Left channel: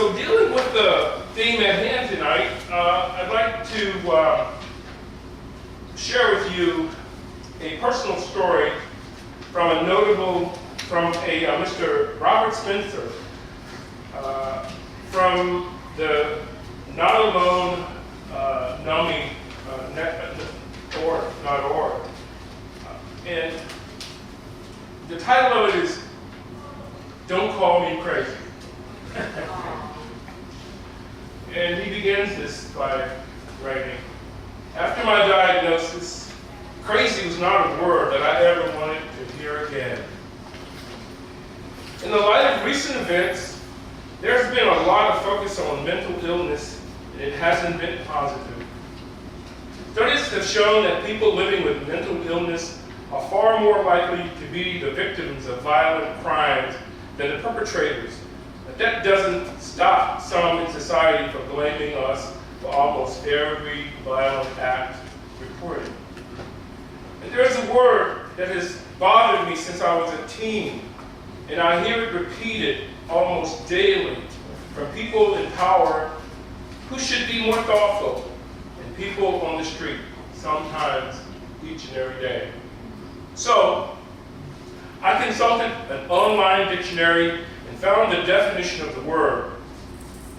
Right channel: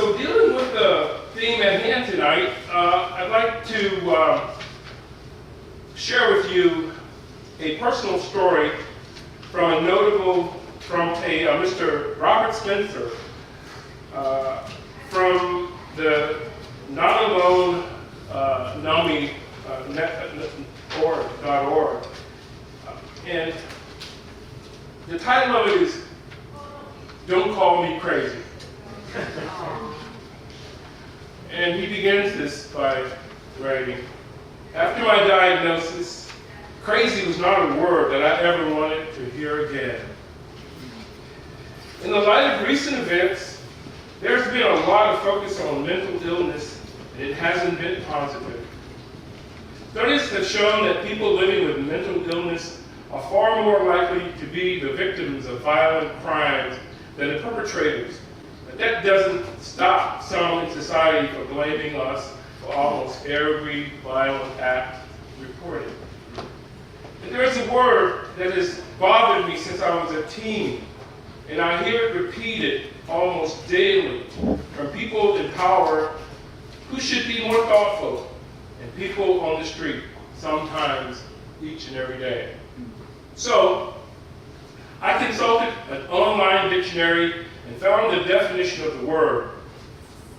So dealing with the theme at hand tonight, I'd like to share with you a personal story from Mr. Robert Spencer, from the Not Alone .org. And the title of it is Don't Call Me Crazy. And he begins this by writing, after my diagnosis, crazy was not a word that I ever wanted to hear again. In the light of recent events, there's been a lot of focus on mental illness, and it hasn't been positive. Studies have shown that people living with mental illness are far more likely to be the victims of violent crimes than the perpetrators. But that doesn't stop some in society from blaming us for almost every violent act reported. And there's a word that has bothered me since I was a teen, and I hear it repeated almost daily from people in power who should be more thoughtful, and people on the street, sometimes each and every day. So, I consulted an online dictionary and found the definition of the word.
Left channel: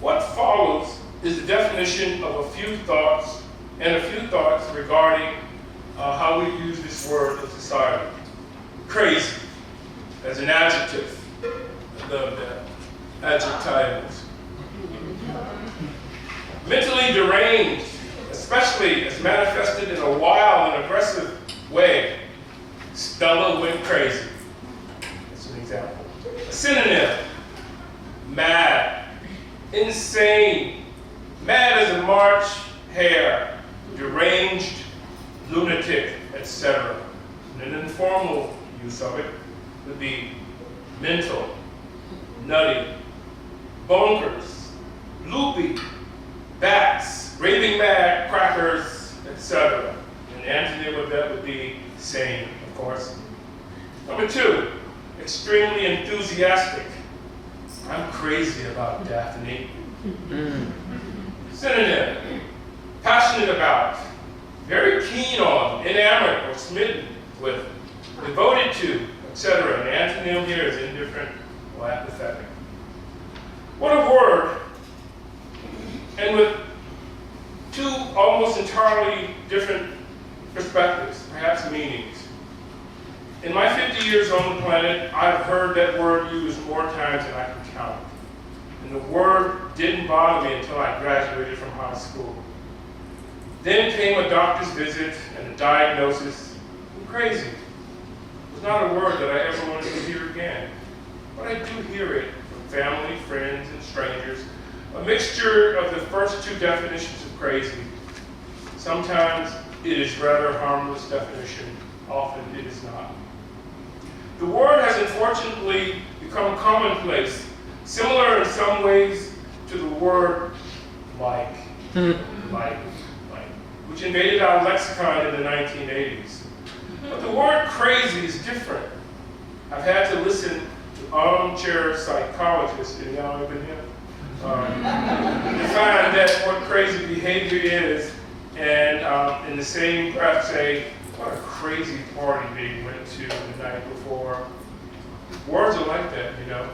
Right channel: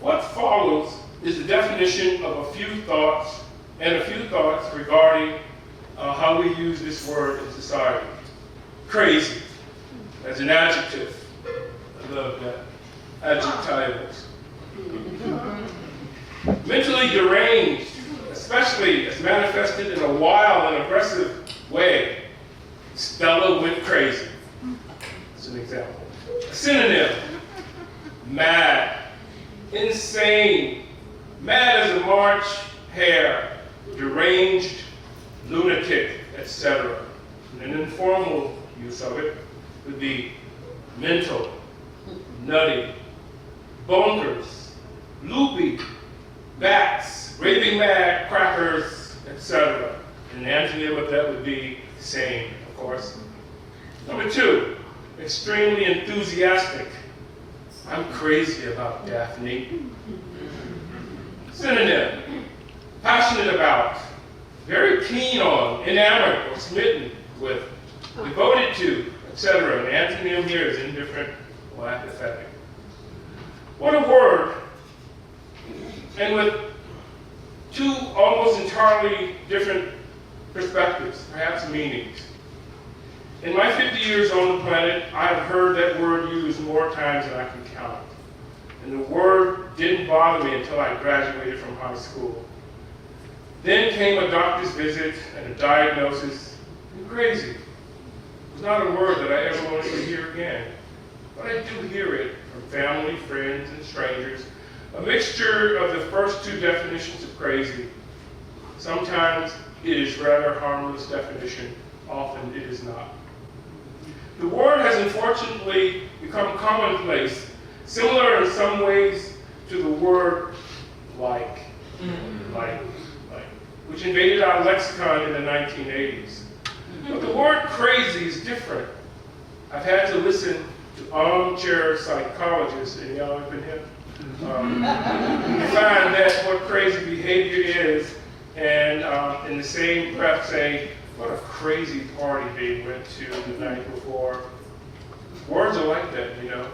What follows is the definition of a few thoughts regarding how we use this word in society. Crazy, as an adjective. I love that. Adjectives. Mentally deranged, especially as manifested in a wild and aggressive way. Stella went crazy. That's an example. A synonym, mad, insane, mad as a March hare, deranged, lunatic, etc. An informal use of it would be mental, nutty, bonkers, loopy, bats, raving mad, crackers, etc. And the antonym of that would be sane, of course. Number 2, extremely enthusiastic. I'm crazy about Daphne. Synonym, passionate about, very keen on, enamored or smitten with, devoted to, etc. An antonym here is indifferent or apathetic. What a word, and with two almost entirely different perspectives, perhaps meanings. In my 50 years on the planet, I've heard that word used more times than I can count. And the word didn't bother me until I graduated from high school. Then came a doctor's visit and a diagnosis. I'm crazy. It was not a word that I ever wanted to hear again. But I do hear it from family, friends, and strangers. A mixture of the first two definitions of crazy. Sometimes it is rather harmless definition. Often it is not. The word has unfortunately become commonplace, similar in some ways to the word like, which invaded our lexicon in the 1980s. But the word crazy is different. I've had to listen to armchair psychologists, and y'all ever been here? Define that what crazy behavior is, and in the same breath say, what a crazy party they went to the night before. Words are like that, you know.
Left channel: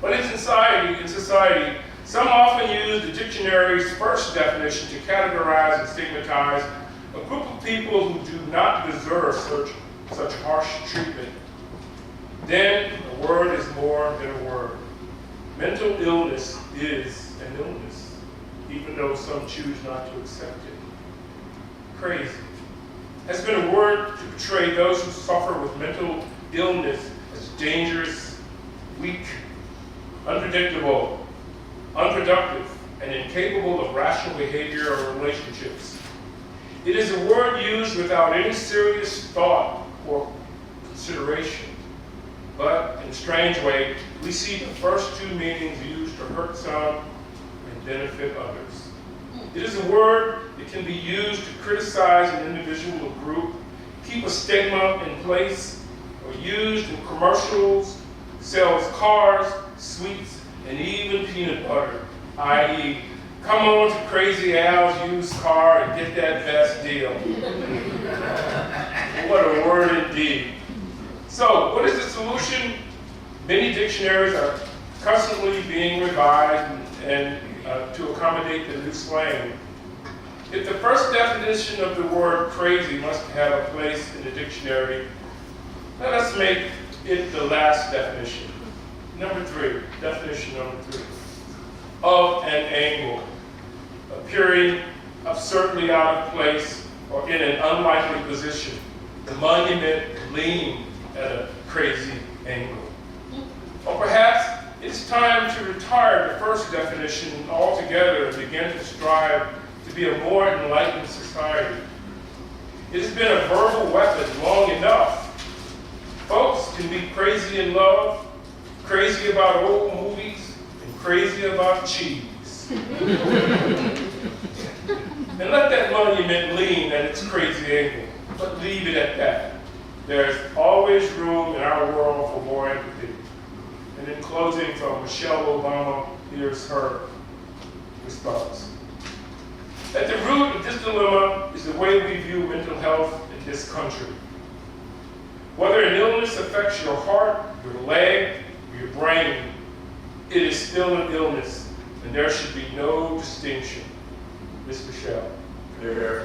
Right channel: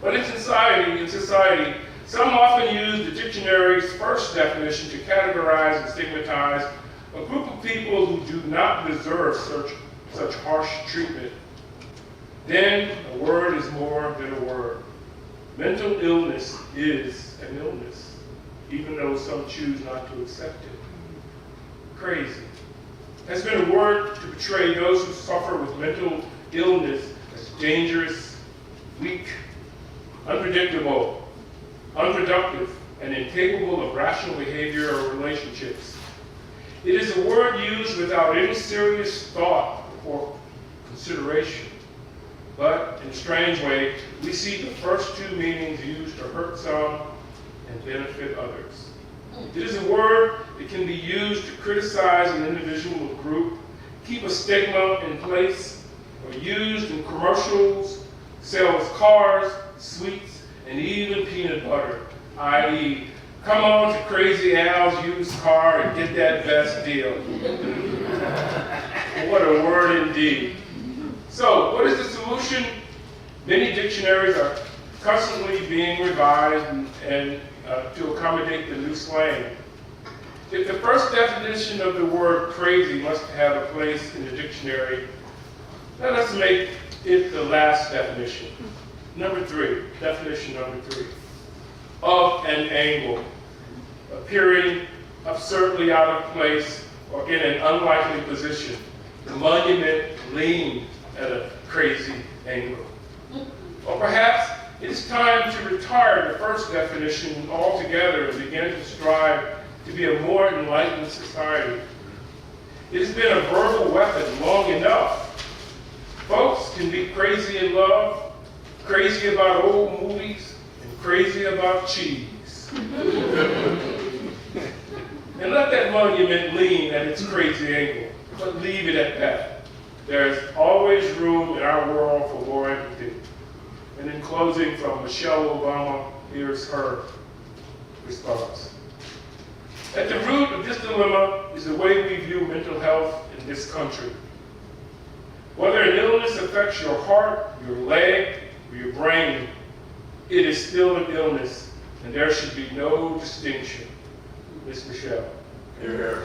But in society, some often use the dictionary's first definition to categorize and stigmatize a group of people who do not deserve such harsh treatment. Then a word is more than a word. Mental illness is an illness, even though some choose not to accept it. Crazy has been a word to portray those who suffer with mental illness as dangerous, weak, unpredictable, unproductive, and incapable of rational behavior or relationships. It is a word used without any serious thought or consideration. But in a strange way, we see the first two meanings used to hurt some and benefit others. It is a word that can be used to criticize an individual or group, keep a stigma in place, or used in commercials, sells cars, sweets, and even peanut butter, i.e., come on to Crazy Al's used car and get that best deal. What a word indeed. So, what is the solution? Many dictionaries are constantly being revised and to accommodate the new slang. If the first definition of the word crazy must have a place in the dictionary, let us make it the last definition. Definition number three. Of an angle, appearing absurdly out of place or in an unlikely position. The monument leaned at a crazy angle. Or perhaps it's time to retire the first definition altogether and begin to strive to be a more enlightened society. It's been a verbal weapon long enough. Folks can be crazy in love, crazy about old movies, and crazy about cheese. And let that monument lean at its crazy angle, but leave it at that. There's always room in our world for more empathy. And in closing, from Michelle Obama, here's her response. At the root of this dilemma is the way we view mental health in this country. Whether an illness affects your heart, your leg, or your brain, it is still an illness, and there should be no distinction. Ms. Michelle. Here, here.